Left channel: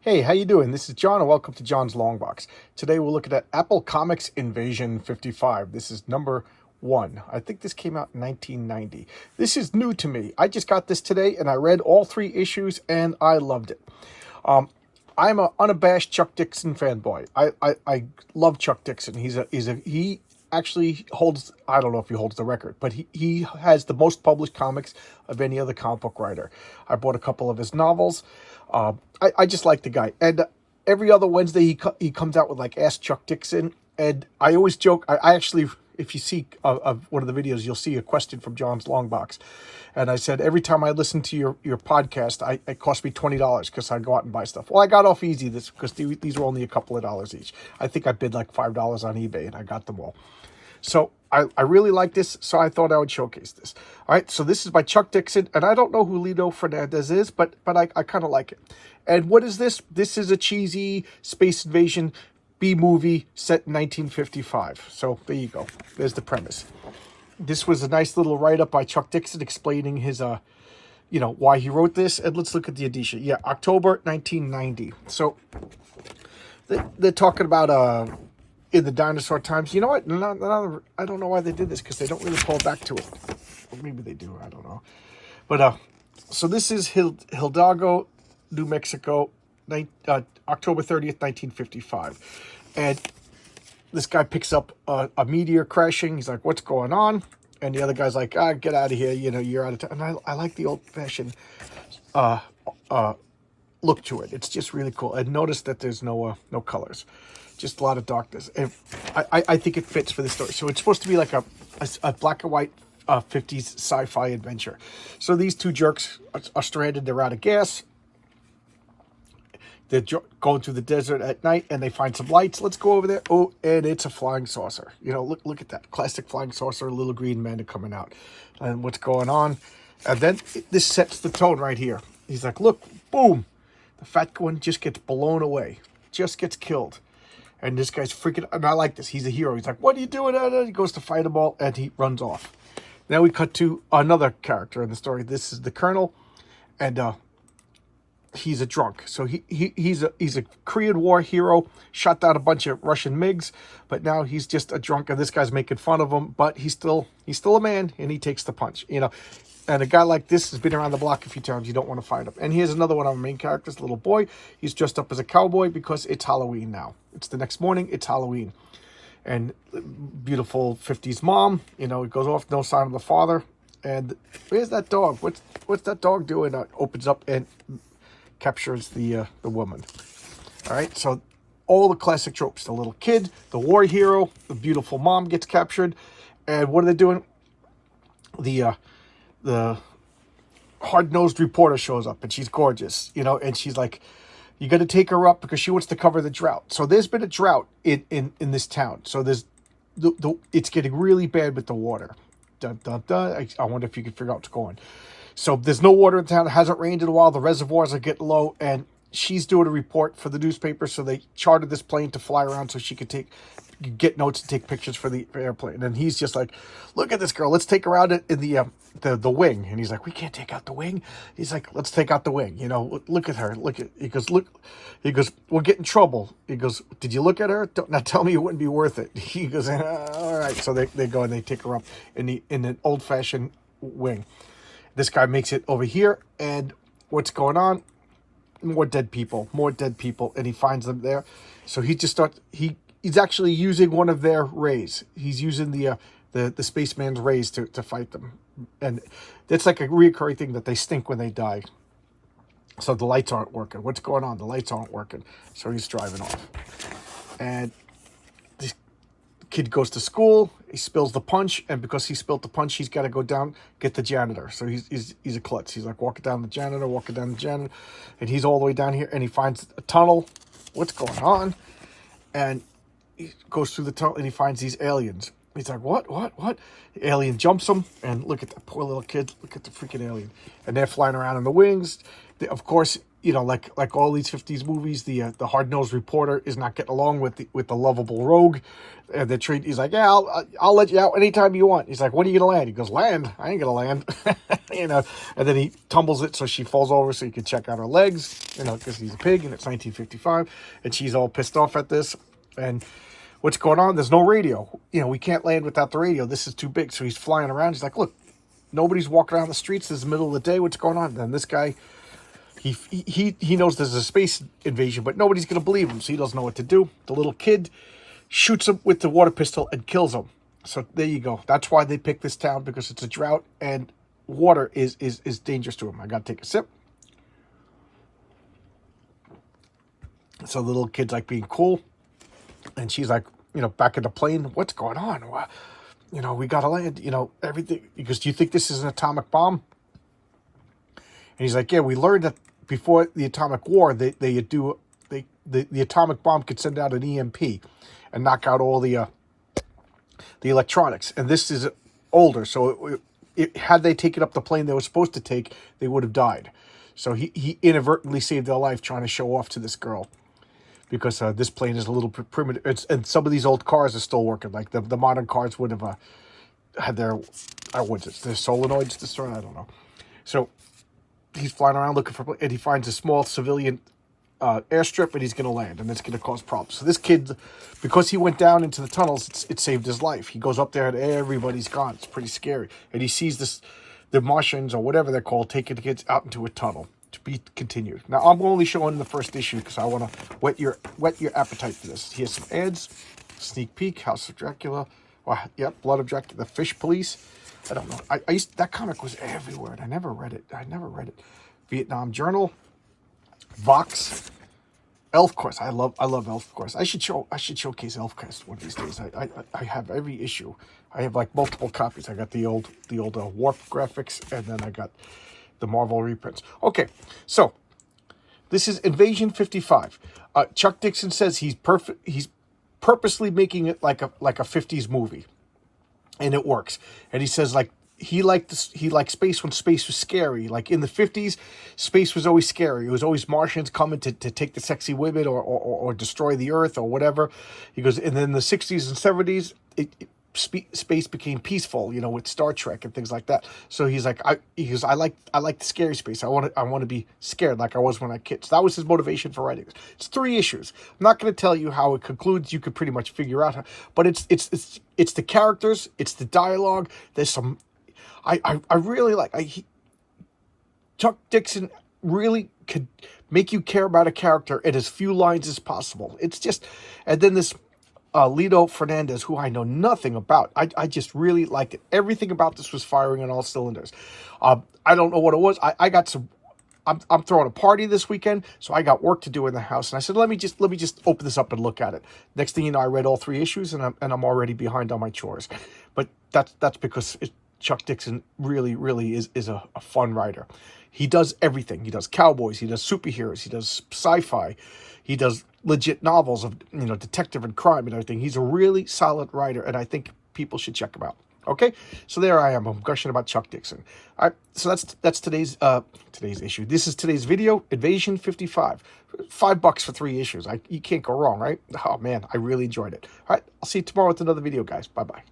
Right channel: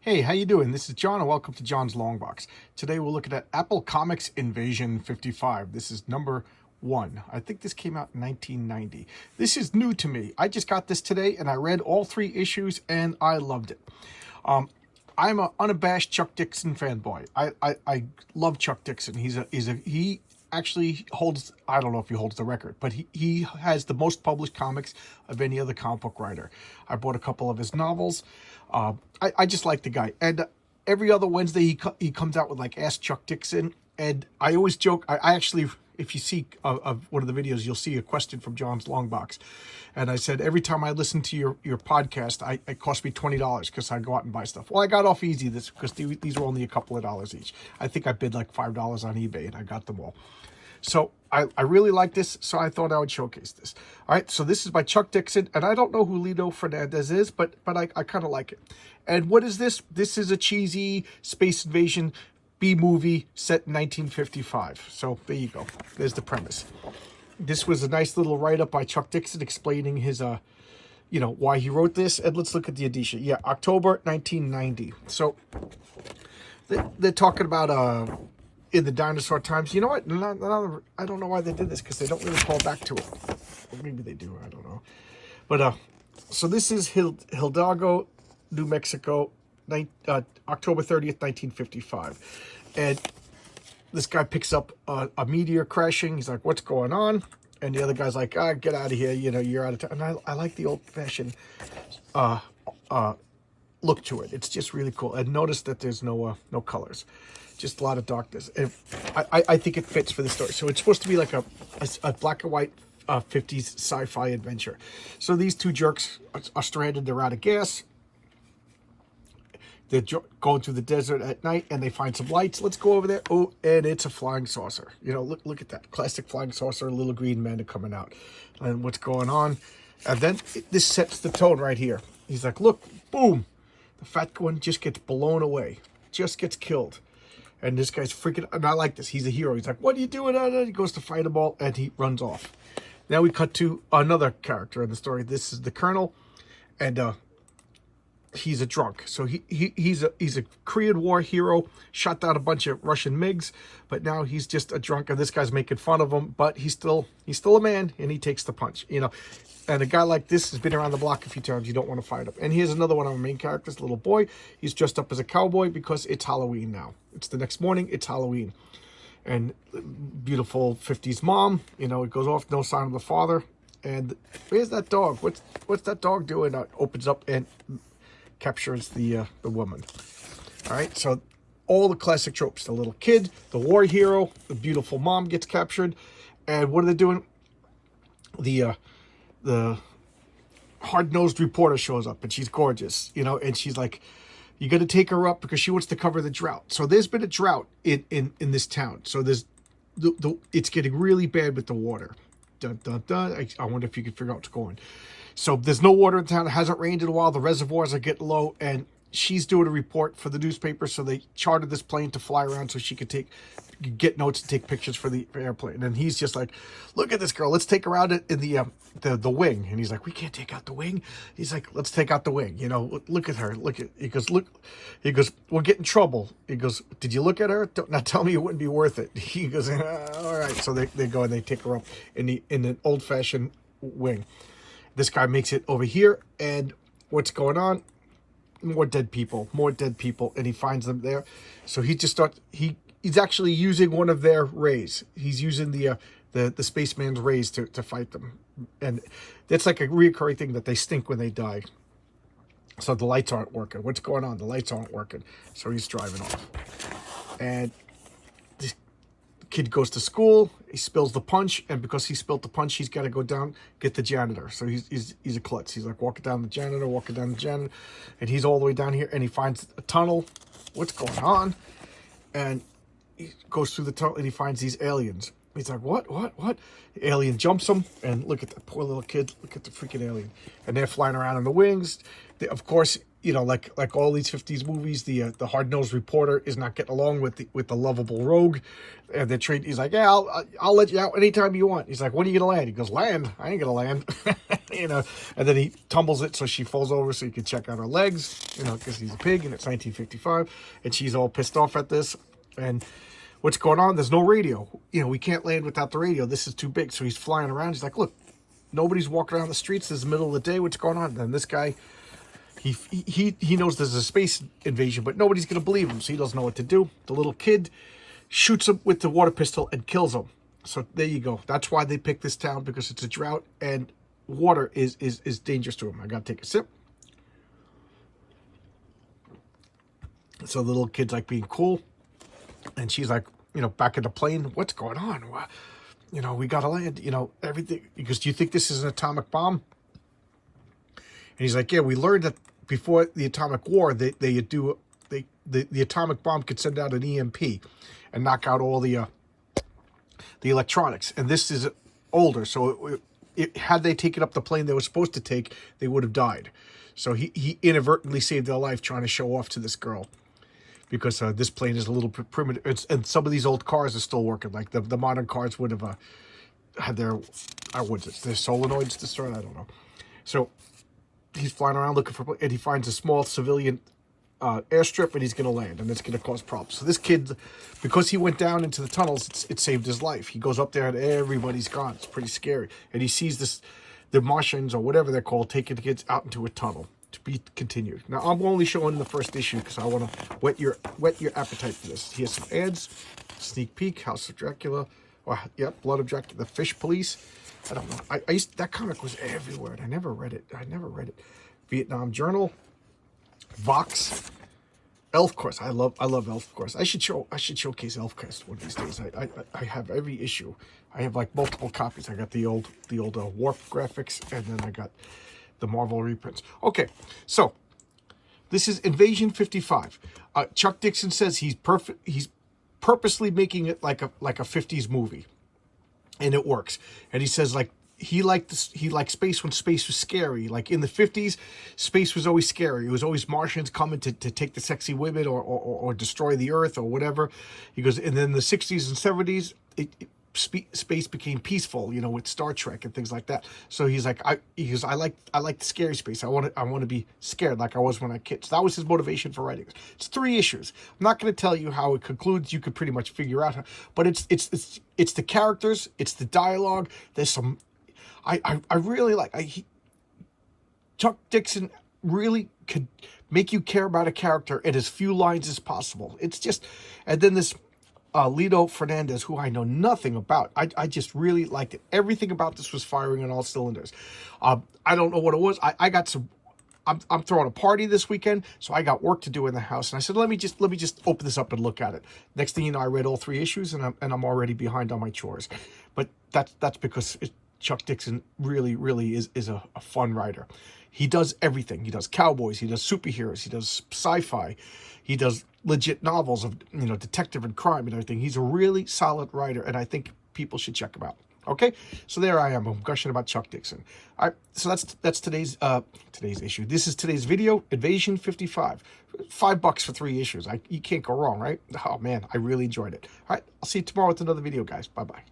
Hey, how you doing? This is John, and welcome to John's Long Box. Today we're looking at Apple Comics Invasion 55. This is number 1. I think this came out in 1990. This is new to me. I just got this today, and I read all 3 issues, and I loved it. I'm an unabashed Chuck Dixon fanboy. I love Chuck Dixon. He actually holds, I don't know if he holds the record, but he has the most published comics of any other comic book writer. I bought a couple of his novels. I just like the guy. And every other Wednesday he comes out with like Ask Chuck Dixon. And I always joke, I actually, if you see one of the videos, you'll see a question from John's Long Box. And I said, every time I listen to your podcast, it cost me $20 because I go out and buy stuff. Well, I got off easy this because these were only a couple of dollars each. I think I bid like $5 on eBay and I got them all. So I really like this, so I thought I would showcase this. All right, so this is by Chuck Dixon, and I don't know who Lito Fernandez is, but I kind of like it. And what is this? This is a cheesy space invasion B-movie set in 1955. So there you go. There's the premise. This was a nice little write-up by Chuck Dixon explaining his, why he wrote this. And let's look at the edition. Yeah, October 1990. So they're talking about in the dinosaur times. You know what? I don't know why they did this because they don't really call back to it. Or maybe they do. I don't know. But so this is Hidalgo, New Mexico, October 30th, 1955. And this guy picks up a meteor crashing. He's like, what's going on? And the other guy's like, get out of here. You're out of time. And I like the old-fashioned look to it. It's just really cool. And notice that there's no colors. Just a lot of darkness. And I think it fits for the story. So it's supposed to be like a black and white 50s sci-fi adventure. So these two jerks are stranded. They're out of gas. They're going through the desert at night, and they find some lights. Let's go over there. Oh, and it's a flying saucer. Look at that. Classic flying saucer, little green man coming out. And what's going on? And then this sets the tone right here. He's like, look, boom. The fat one just gets blown away. Just gets killed. And this guy's freaking, and I like this. He's a hero. He's like, what are you doing? And he goes to fight them all, and he runs off. Now we cut to another character in the story. This is the Colonel, and he's a drunk. So he's a Korean War hero, shot down a bunch of Russian MiGs, but now he's just a drunk, and this guy's making fun of him, but he's still a man, and he takes the punch, And a guy like this has been around the block a few times. You don't want to fight him. And here's another one of our main characters, little boy. He's dressed up as a cowboy because it's Halloween now. It's the next morning. It's Halloween. And beautiful 50s mom, it goes off, no sign of the father. And where's that dog? What's that dog doing? Opens up and captures the woman. All right, so all the classic tropes. The little kid, the war hero, the beautiful mom gets captured. And what are they doing? The hard-nosed reporter shows up, and she's gorgeous, and she's like, you got to take her up because she wants to cover the drought. So there's been a drought in this town. So there's it's getting really bad with the water. Dun, dun, dun. I wonder if you can figure out what's going. So there's no water in town. It hasn't rained in a while. The reservoirs are getting low, and she's doing a report for the newspaper. So they chartered this plane to fly around so she could get notes and take pictures for the airplane. And he's just like, look at this girl. Let's take her out in the wing. And he's like, we can't take out the wing. He's like, let's take out the wing. Look at her. He goes, we'll get in trouble. He goes, did you look at her? Now tell me it wouldn't be worth it. He goes, all right. So they go and they take her up in an old-fashioned wing. This guy makes it over here. And what's going on? More dead people, and he finds them there. So he just starts, he's actually using one of their rays. He's using the spaceman's rays to fight them. And it's like a reoccurring thing that they stink when they die. So the lights aren't working. What's going on? The lights aren't working. So he's driving off. And this kid goes to school. He spills the punch, and because he spilled the punch, he's got to go down, get the janitor. So he's a klutz. He's like walking down the janitor, and he's all the way down here, and he finds a tunnel. What's going on? And he goes through the tunnel, and he finds these aliens. He's like, what? The alien jumps him, and look at that poor little kid. Look at the freaking alien. And they're flying around in the wings. Of course, you know, like all these 50s movies, the hard-nosed reporter is not getting along with the lovable rogue. And he's like, yeah, I'll let you out anytime you want. He's like, when are you gonna land? He goes, land? I ain't gonna land. You know, and then he tumbles it so she falls over so he can check out her legs, you know, because he's a pig and it's 1955, and she's all pissed off at this. And what's going on? There's no radio. You know, we can't land without the radio. This is too big. So he's flying around. He's like, look, nobody's walking around the streets. This is the middle of the day. What's going on? And then this guy, he knows there's a space invasion, but nobody's going to believe him, so he doesn't know what to do. The little kid shoots him with the water pistol and kills him. So there you go. That's why they picked this town, because it's a drought and water is dangerous to him. I got to take a sip. So the little kid's like being cool, and she's like, you know, back in the plane. What's going on? You know, we got to land, you know, everything. Because do you think this is an atomic bomb? And he's like, yeah, we learned that before the atomic war, the atomic bomb could send out an EMP and knock out all the electronics. And this is older, so had they taken up the plane they were supposed to take, they would have died. So he inadvertently saved their life trying to show off to this girl, because this plane is a little primitive, and some of these old cars are still working. Like the modern cars would have had their their solenoids destroyed. I don't know. So he's flying around looking for, and he finds a small civilian airstrip, and he's going to land, and it's going to cause problems. So this kid, because he went down into the tunnels, it saved his life. He goes up there, and everybody's gone. It's pretty scary. And he sees the Martians, or whatever they're called, taking the kids out into a tunnel. To be continued. Now, I'm only showing the first issue because I want to whet your appetite for this. Here's some ads, sneak peek, House of Dracula, Blood of Dracula, the Fish Police. I don't know. That comic was everywhere, and I never read it. Vietnam Journal, Vox, Elf Quest. I love Elf Quest. I should showcase Elf Quest one of these days. I have every issue. I have like multiple copies. I got the old Warp graphics, and then I got the Marvel reprints. Okay, so this is Invasion 55. Chuck Dixon says he's purposely making it like a 50s movie, and it works. And he says he liked space when space was scary. Like in the 50s, space was always scary. It was always Martians coming to take the sexy women or destroy the Earth or whatever. He goes, and then the 60s and 70s, space became peaceful, you know, with Star Trek and things like that. So he's like, I like the scary space. I want to be scared like I was when I was a kid. So that was his motivation for writing it. It's 3 issues. I'm not going to tell you how it concludes. You could pretty much figure out how, but it's the characters, it's the dialogue. There's some, I really like, Chuck Dixon really could make you care about a character in as few lines as possible. It's just, and then this Lito Fernandez, who I know nothing about. I just really liked it. Everything about this was firing on all cylinders. I don't know what it was. I got some. I'm throwing a party this weekend, so I got work to do in the house, and I said, let me just open this up and look at it. Next thing you know, I read all 3 issues, and I'm already behind on my chores. But that's because Chuck Dixon really is a fun writer. He does everything. He does cowboys. He does superheroes. He does sci-fi. He does legit novels of, you know, detective and crime and everything. He's a really solid writer, and I think people should check him out. Okay, so there I am. I'm gushing about Chuck Dixon. All right, so that's today's issue. This is today's video, Invasion 55. $5 for 3 issues. You can't go wrong, right? Oh man, I really enjoyed it. All right, I'll see you tomorrow with another video, guys. Bye bye.